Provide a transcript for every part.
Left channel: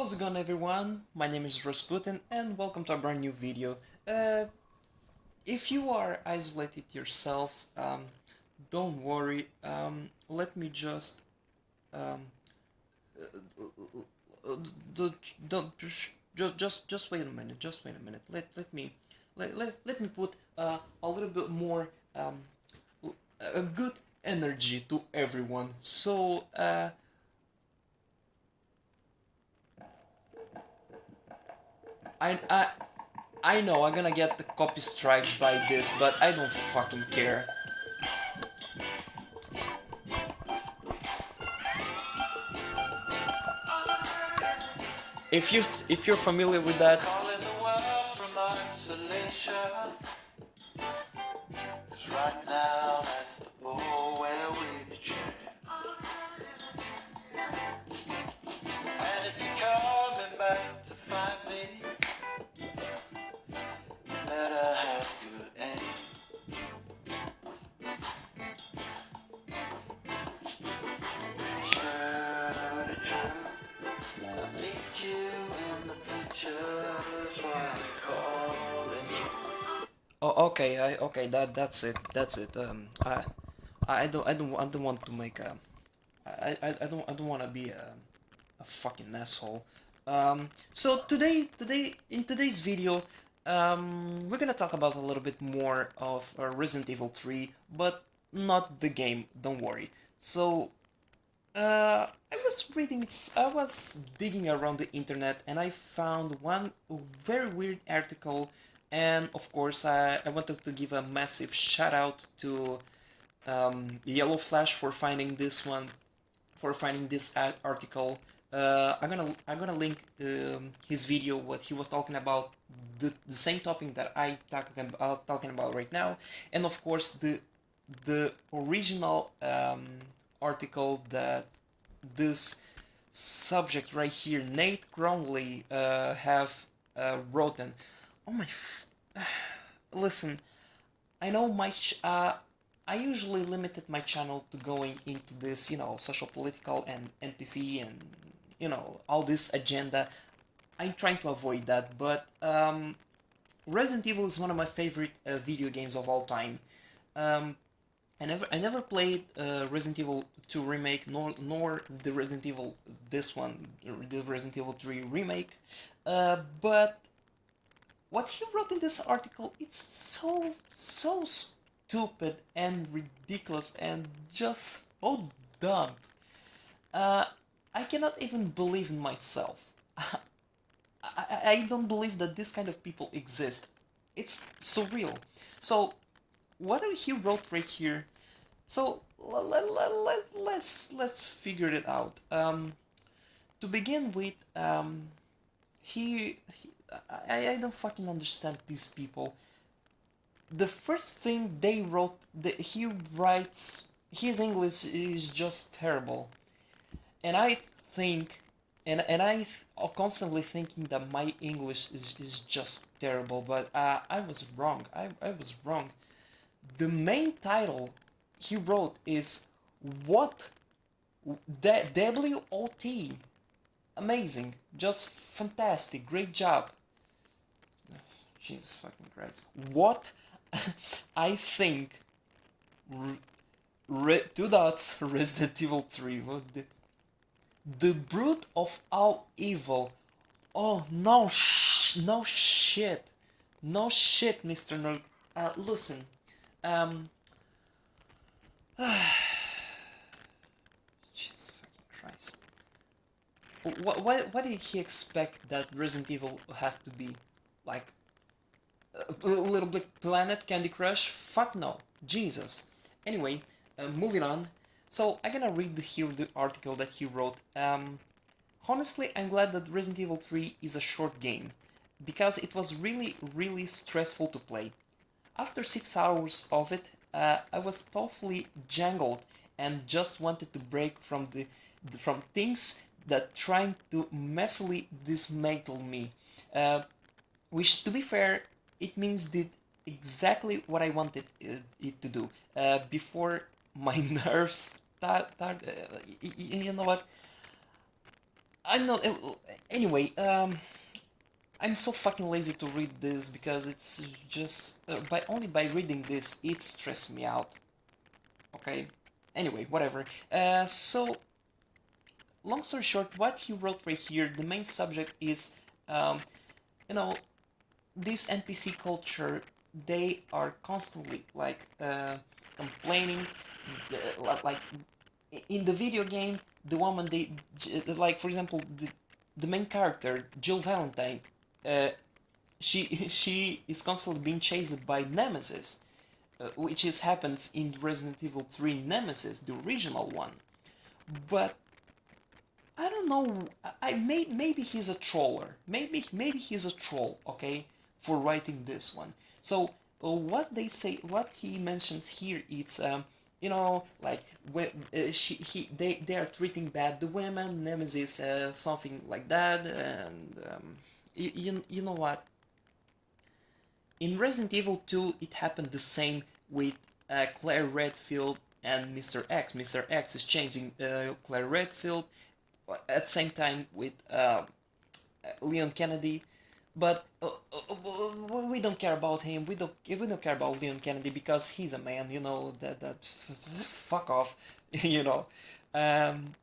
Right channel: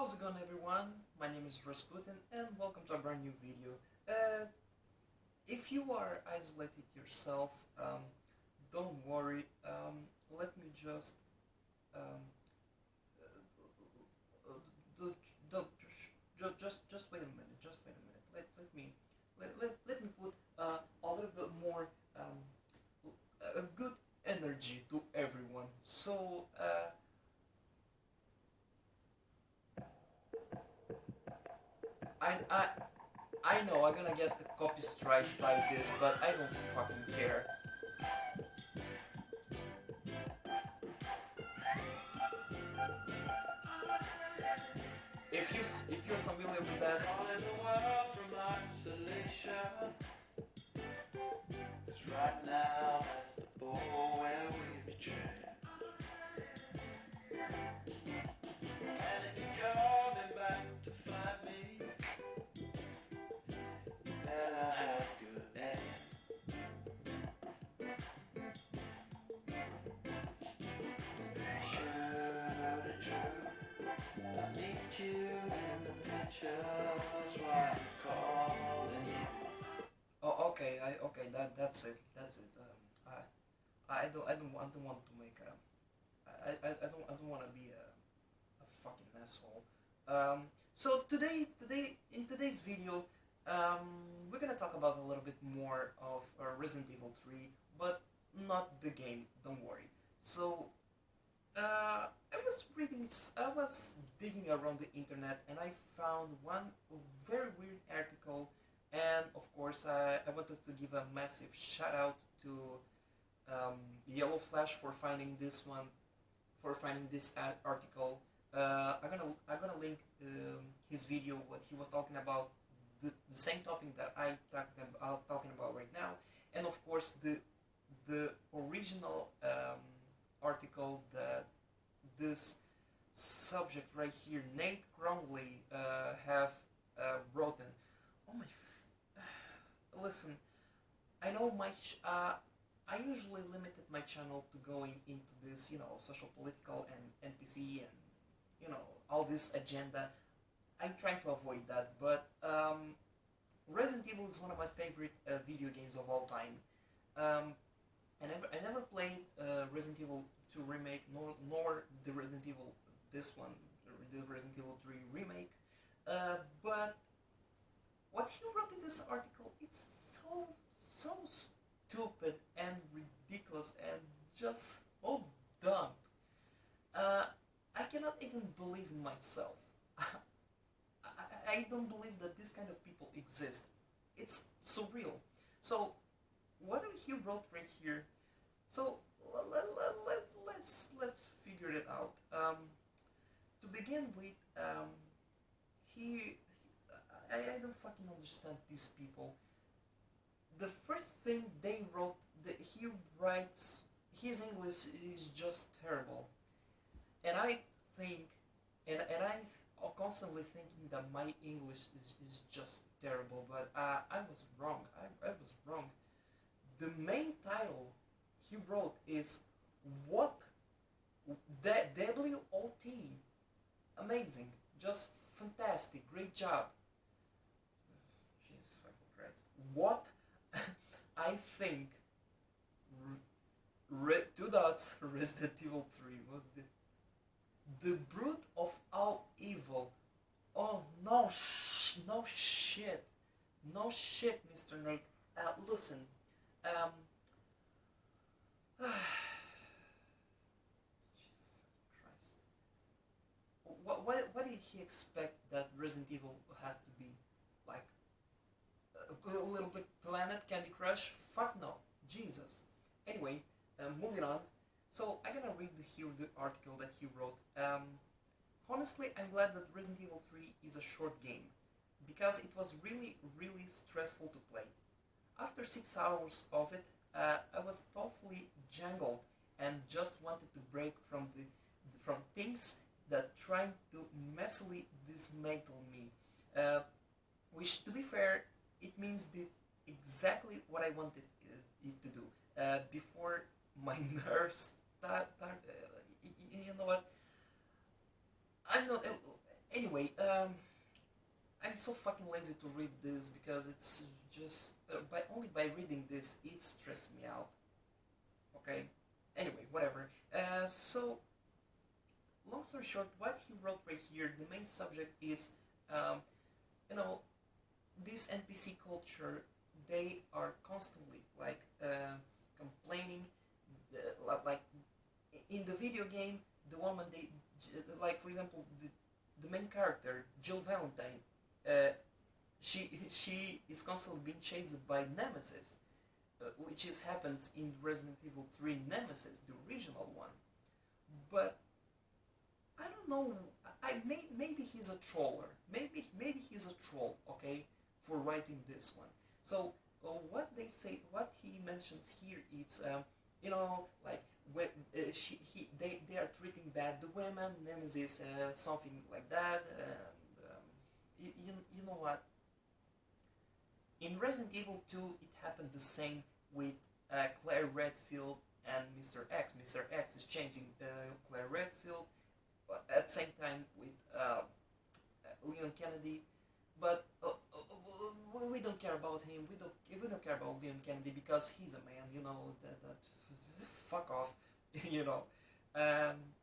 How's it going, everyone? My name is Rasputin and welcome to a brand new video. Uh, if you are isolated yourself, don't worry. Let me just um, uh, d- don't just wait a minute. Just wait a minute. Let me put a little bit more um, a good energy to everyone. I I I know I'm gonna get the copy strike by this, but I don't fucking care. If you're familiar with that, oh, okay, okay, that's it, that's it. I don't want to make a, I don't want to be a fucking asshole. So today in today's video, we're gonna talk about a little bit more of Resident Evil 3, but not the game. Don't worry. So I was digging around the internet and I found one very weird article, and of course I wanted to give a massive shout out to Yellow Flash for finding this one, for finding this article. I'm gonna link his video, what he was talking about, the same topic that I talking about right now, and of course the original article that this subject right here, Nate Groundley, have written. Oh my! Listen, I know I usually limited my channel to going into this, social, political, and NPC, and all this agenda. I'm trying to avoid that, but Resident Evil is one of my favorite video games of all time. Um, I never played Resident Evil 2 remake, nor the Resident Evil this one, the Resident Evil 3 remake. But what he wrote in this article, it's so stupid and ridiculous and just so dumb. Uh, I cannot even believe in myself. I don't believe that this kind of people exist. It's surreal. So what he wrote right here. So let's figure it out. To begin with, I don't fucking understand these people. The first thing they wrote, he writes, his English is just terrible, and I think, and constantly thinking that my English is just terrible, but I was wrong. I was wrong. The main title he wrote is what WOT. Amazing, just fantastic, great job. Jesus fucking Christ. What? I think two dots Resident Evil 3. What the brute of all evil. Oh no, no shit, no shit, Mr. Nerd. Listen, um, Jesus fucking Christ. What did he expect that Resident Evil have to be? Like Little Big Planet, Candy Crush? Fuck no. Jesus. Anyway, moving on. So I'm gonna read here the article that he wrote. Honestly, I'm glad that Resident Evil 3 is a short game, because it was really stressful to play. After 6 hours of it, I was totally jangled and just wanted to break from things that trying to messily dismantle me. Uh, which, to be fair, it means did exactly what I wanted it to do. Before my nerves start, you know what? I'm not. Anyway, I'm so fucking lazy to read this because it's just by only by reading this it stressed me out. Okay. Anyway, whatever. So long story short, what he wrote right here, the main subject is, um, you know, this NPC culture. They are constantly like complaining, like in the video game, the woman like for example the main character Jill Valentine, uh, she she is constantly being chased by Nemesis, which is happens in Resident Evil 3 Nemesis, the original one. But I don't know. Maybe he's a troller. Maybe he's a troll. Okay, for writing this one. So what they say, what he mentions here, it's like when they are treating bad the women, Nemesis, something like that, and you know what? In Resident Evil 2, it happened the same with Claire Redfield and Mr. X. Mr. X is chasing Claire Redfield at the same time with Leon Kennedy, but we don't care about him. We don't care about Leon Kennedy because he's a man. You know that fuck off. you know. Um,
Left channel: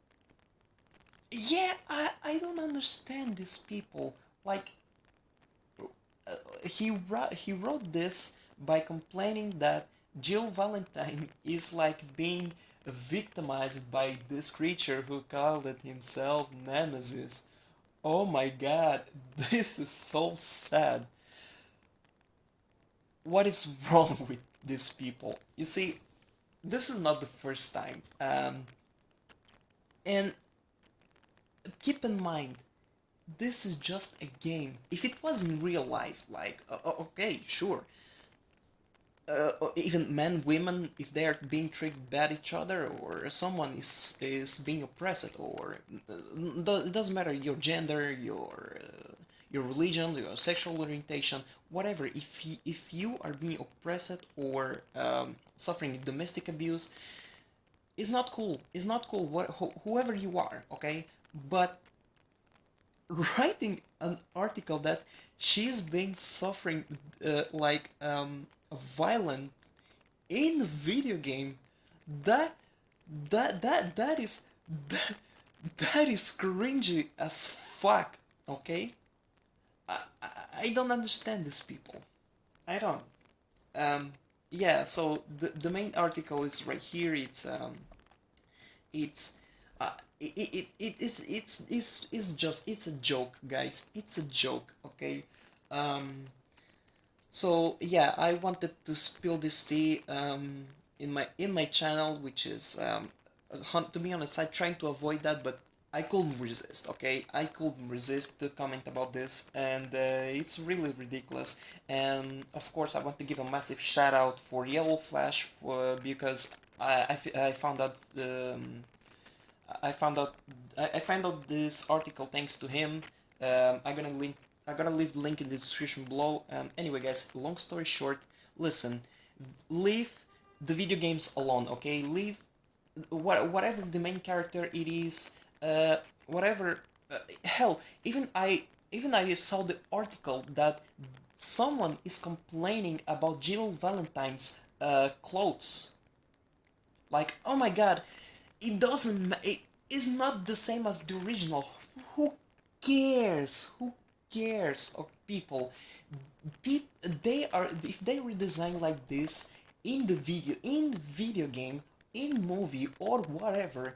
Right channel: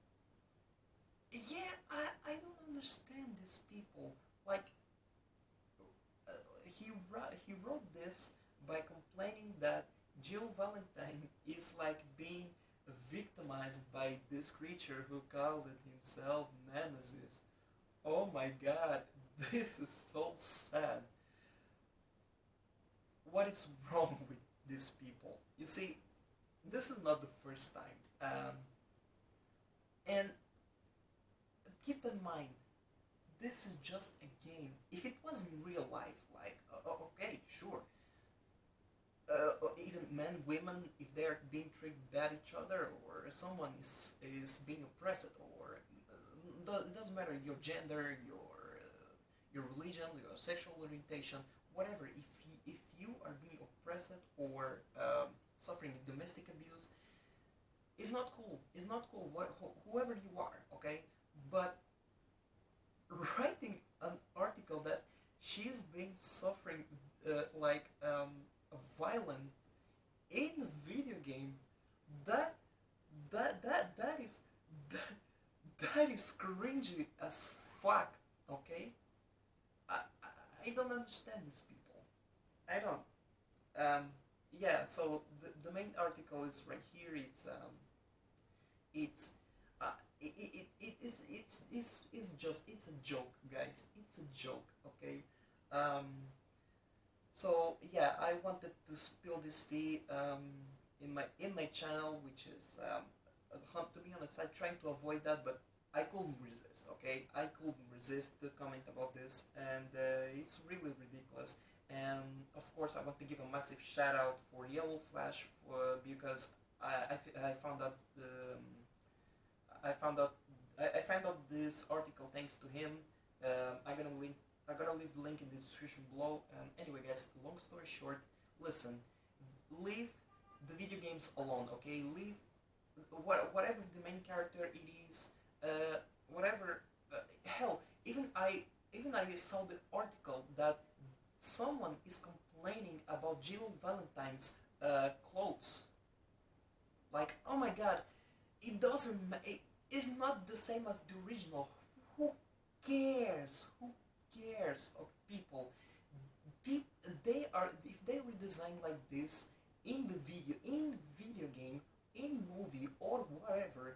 yeah, I don't understand these people. Like he wrote this by complaining that Jill Valentine is like being victimized by this creature who called it himself Nemesis. Oh my god, this is so sad. What is wrong with these people? You see, this is not the first time. And keep in mind, this is just a game. If it was in real life, like, okay, sure, even men, women, if they are being treated bad each other, or someone is being oppressed, or it doesn't matter your gender, your religion, your sexual orientation, whatever. If you are being oppressed or suffering domestic abuse, it's not cool. It's not cool. Whoever you are, okay. But writing an article that she's been suffering violent in a video game, that that is that, that is cringy as fuck. Okay, I, I I don't understand these people. I don't. Um, yeah. So the main article is right here. It's uh, it's just it's a joke, guys. It's a joke. Okay. Um, So yeah, I wanted to spill this tea in my channel, which is to be honest, I trying to avoid that, but I couldn't resist. Okay, I couldn't resist to comment about this, and it's really ridiculous. And of course, I want to give a massive shout out for Yellow Flash because I found out I found out I found out this article thanks to him. I'm gonna leave the link in the description below. Anyway, guys, long story short, listen, leave the video games alone, okay? Leave whatever the main character it is, whatever. Hell, even I saw the article that someone is complaining about Jill Valentine's clothes. Like, oh my god, it doesn't. It is not the same as the original. Who cares? Who cares of people? They are if they redesign like this in video game, in movie or whatever,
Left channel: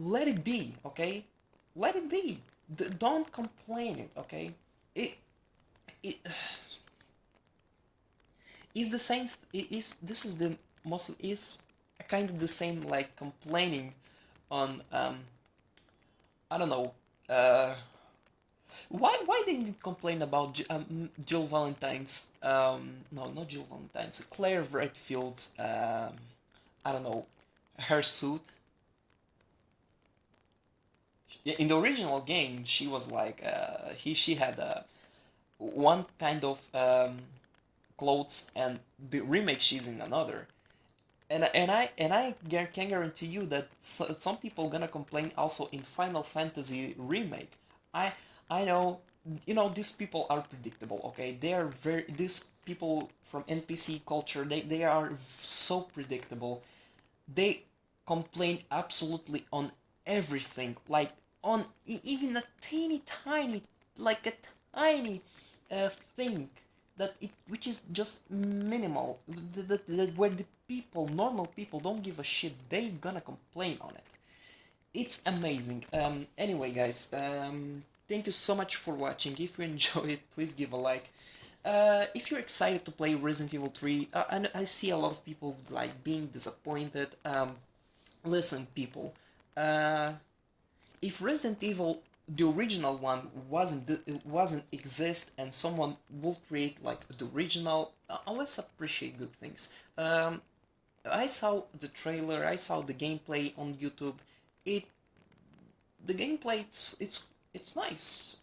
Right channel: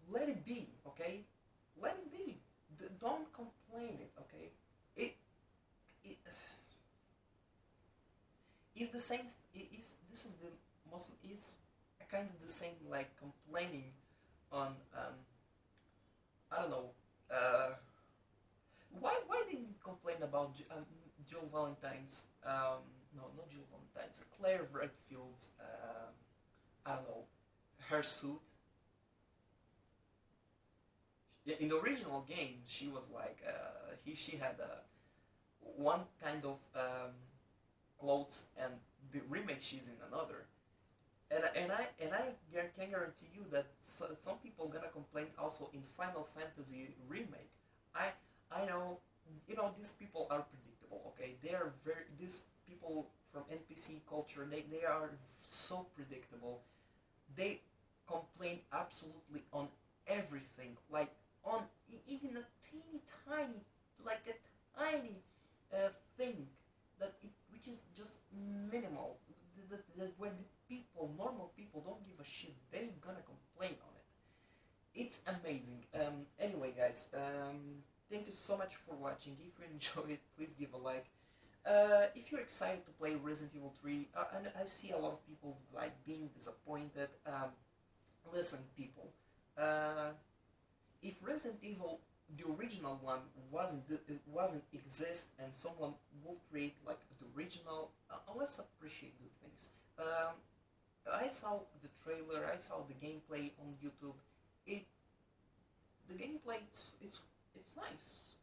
let it be. Okay, let it be. Don't complain it. Okay, it it is the same. It is this is the most is kind of the same like complaining on I don't know. Why they did complain about Jill Valentine's no, not Jill Valentine's, Claire Redfield's I don't know, her suit. In the original game she was like she had one kind of clothes, and the remake she's in another. And I can guarantee you that some people gonna complain also in Final Fantasy remake. I I know, you know, these people are predictable. Okay, they are very, these people from NPC culture. They are so predictable. They complain absolutely on everything, like on even a teeny tiny, like a tiny thing that it which is just minimal, where the people, normal people, don't give a shit. They gonna complain on it. It's amazing. Anyway, guys, thank you so much for watching. If you enjoy it, please give a like. If you're excited to play Resident Evil 3, I see a lot of people like being disappointed. Listen, people, uh, if Resident Evil, the original one, wasn't exist, and someone will create like the original, let's appreciate good things. I saw the trailer, I saw the gameplay on YouTube. It the gameplay, it's nice.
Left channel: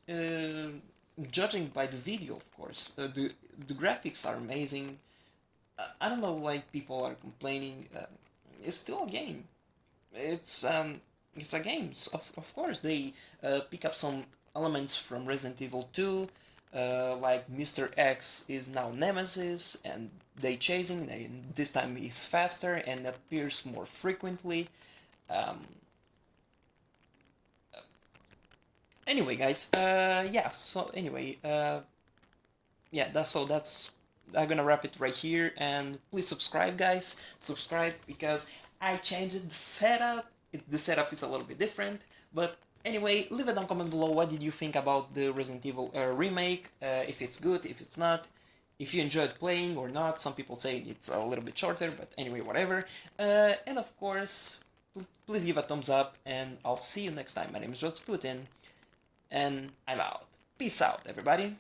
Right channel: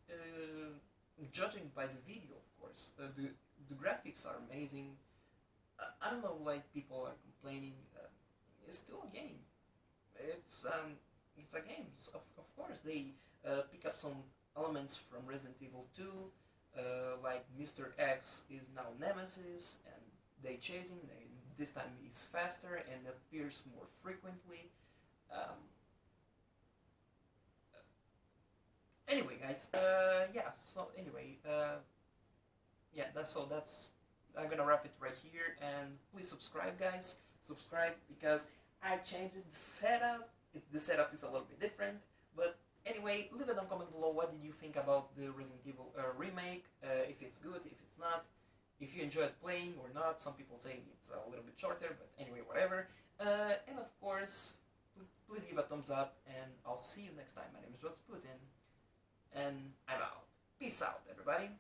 Judging by the video, of course, the graphics are amazing. I don't know why people are complaining. It's still a game. It's um, it's a game. Of course, they pick up some elements from Resident Evil 2, like Mr. X is now Nemesis, and they chasing. This time he's faster and appears more frequently. Um, anyway, guys, yeah. So anyway, yeah. That's I'm gonna wrap it right here, and please subscribe, guys. Subscribe because I changed the setup. The setup is a little bit different, but anyway, leave a down comment below. What did you think about the Resident Evil remake? If it's good, if it's not, if you enjoyed playing or not. Some people say it's a little bit shorter, but anyway, whatever. And of course, please give a thumbs up, and I'll see you next time. My name is Putin, and I'm out. Peace out, everybody.